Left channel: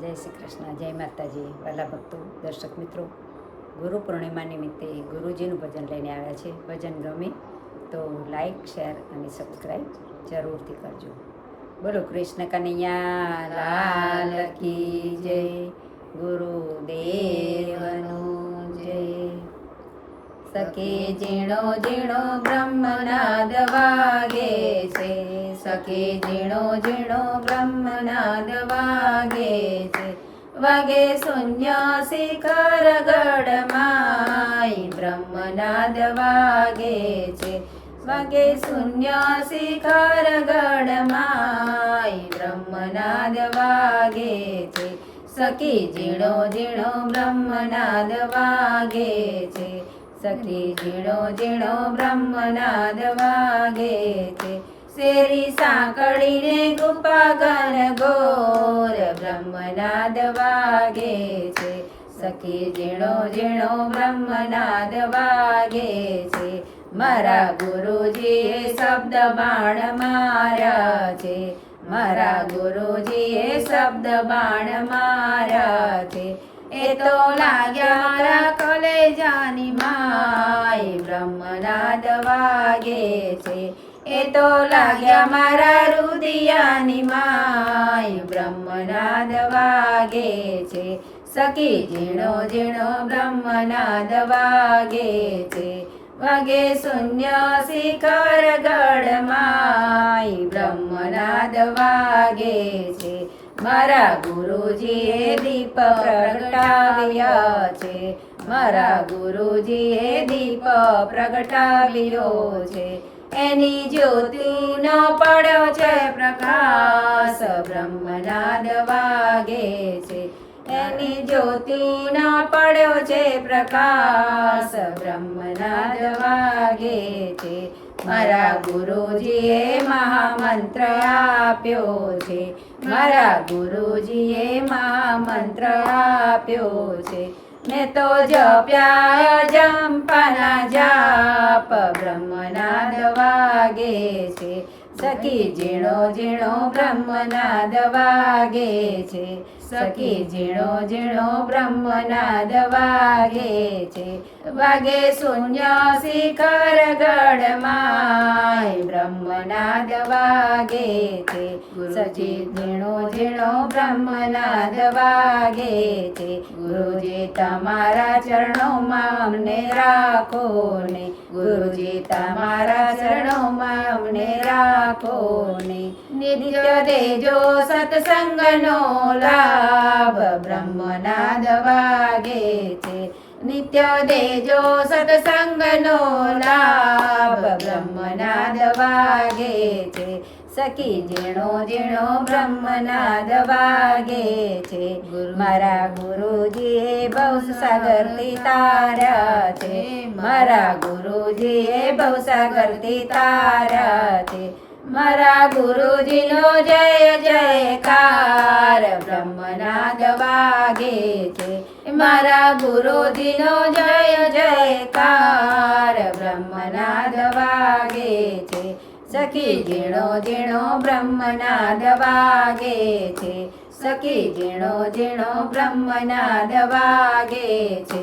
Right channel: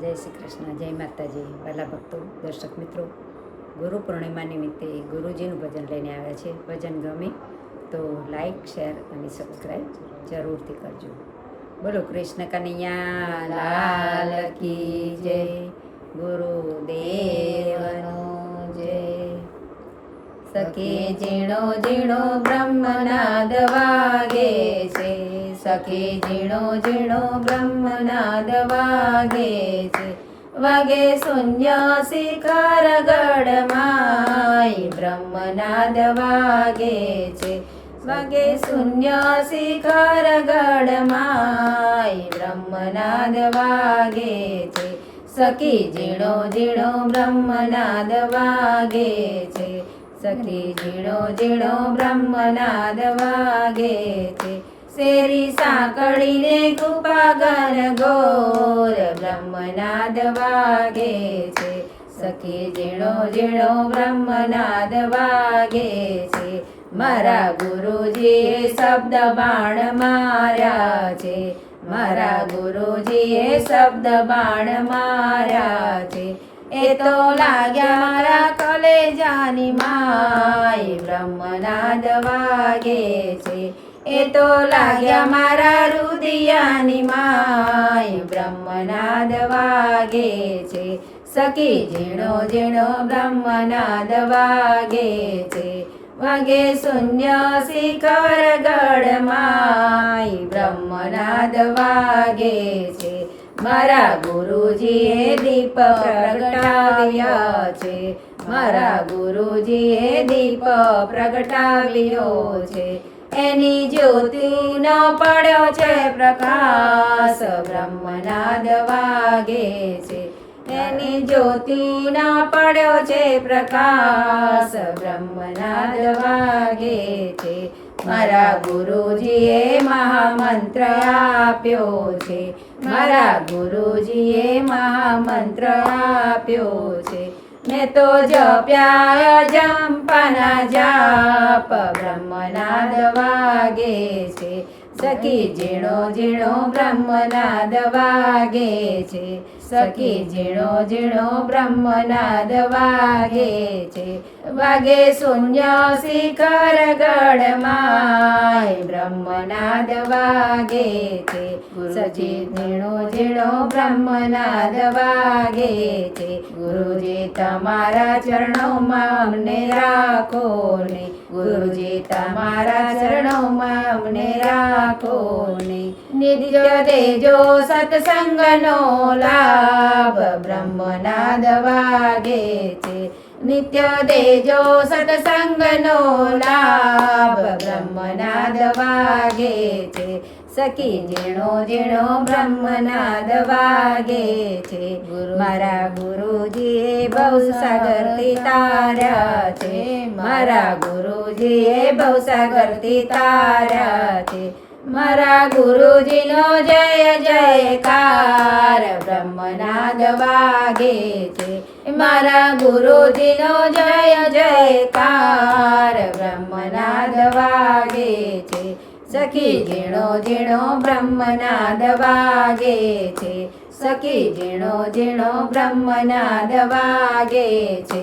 જય શ્રી કૃષ્ણ, જય માતાજી, વાલા ભક્તો, દર્શક મિત્રો. ગુરુ પૂર્ણિમા નિમિત્તે ગુરુજીનું ભજન લઈને આવ્યા છે. ભજન ગમે તો લાઈક, શેર અને સબસ્ક્રાઈબ જરૂરથી કરજો. બોલો કૃષ્ણ કનૈયા લાલ કી જય, ગુરુદેવનું જય. સખે ઝીણો ઝીણો બ્રહ્મનાદ વાગે છે, સખે ઝીણો ઝીણો બ્રહ્મનાદ વાગે છે. વાગે શૂન્ય શિખર ગઢમાય બ્રહ્મનાદ વાગે છે. વાગે શૂન્ય શિખર ગઢમાય બ્રહ્મનાદ વાગે છે. સખી ઝીણો ઝીણો બ્રહ્મનાદ વાગે છે, સખી ઝીણો ઝીણો બ્રહ્મનાદ વાગે છે. શેરી સાંકળીને કૃપાગન ઘોર બ્રહ્મનાદ વાગે છે. સખી ઝીણો ઝીણો બ્રહ્મનાદ વાગે છે. મારા ગુરુજીએ શબ્દ બાણ માર્યા છે, મારા ગુરુજીએ શબ્દ બાણ માર્યા છે. એ તો લાગ્યા કલેજાની માય બ્રહ્મનાદ વાગે છે. એ તો લાગ્યા મારા રુદિયાની માય બ્રહ્મનાદ વાગે છે. સખી ઝીણો ઝીણો બ્રહ્મનાદ વાગે છે. વાગે શૂન્ય શિખર ગઢમાય બ્રહ્મનાદ વાગે છે. મારા ગુરુજીએ દીપ પ્રગટાવ્યા છે, મારા ગુરુજીએ દીપ પ્રગટાવ્યો છે. એની જ્યોતિનો પડ્યો છે પ્રકાશ બ્રહ્મનાદ વાગે છે. એની જ્યોતિનો પડ્યો છે પ્રકાશ બ્રહ્મનાદ વાગે છે. મારા ગુરુજીએ મહામંત્ર આપ્યો છે, મારા ગુરુજીએ મહામંત્ર આપ્યો છે. મેં તો જપ્યા જંપાના જાપ બ્રહ્મનાદ વાગે છે. સખી ઝીણો ઝીણો બ્રહ્મનાદ વાગે છે, સખી ઝીણો ઝીણો બ્રહ્મનાદ વાગે છે. વાગે શૂન્ય શિખર ગઢમાય બ્રહ્મનાદ વાગે છે. સખી ઝીણો ઝીણો બ્રહ્મનાદ વાગે છે. ગુરુજી તમારા ચરણોમાં અમને રાખો ને, ગુરુજી તમારા ચરણોમાં અમને રાખો ને. નિત્ય દેજો સત્સંગનો લાભ બ્રહ્મનાદ વાગે છે. નિત્ય દેજો સત્સંગનો લાભ બ્રહ્મનાદ વાગે છે. સખી ઝીણો ઝીણો બ્રહ્મનાદ વાગે છે. મારા ગુરુજીએ ભવસાગરથી તાર્યા છે, મારા ગુરુજીએ ભવસાગરથી તાર્યા છે. મારા ગુરુજીનો જય જયકાર બ્રહ્મનાદ વાગે છે. મારા ગુરુજીનો જય જયકાર બ્રહ્મનાદ વાગે છે. સખી ઝીણો ઝીણો બ્રહ્મનાદ વાગે છે, સખી ઝીણો ઝીણો બ્રહ્મનાદ વાગે છે.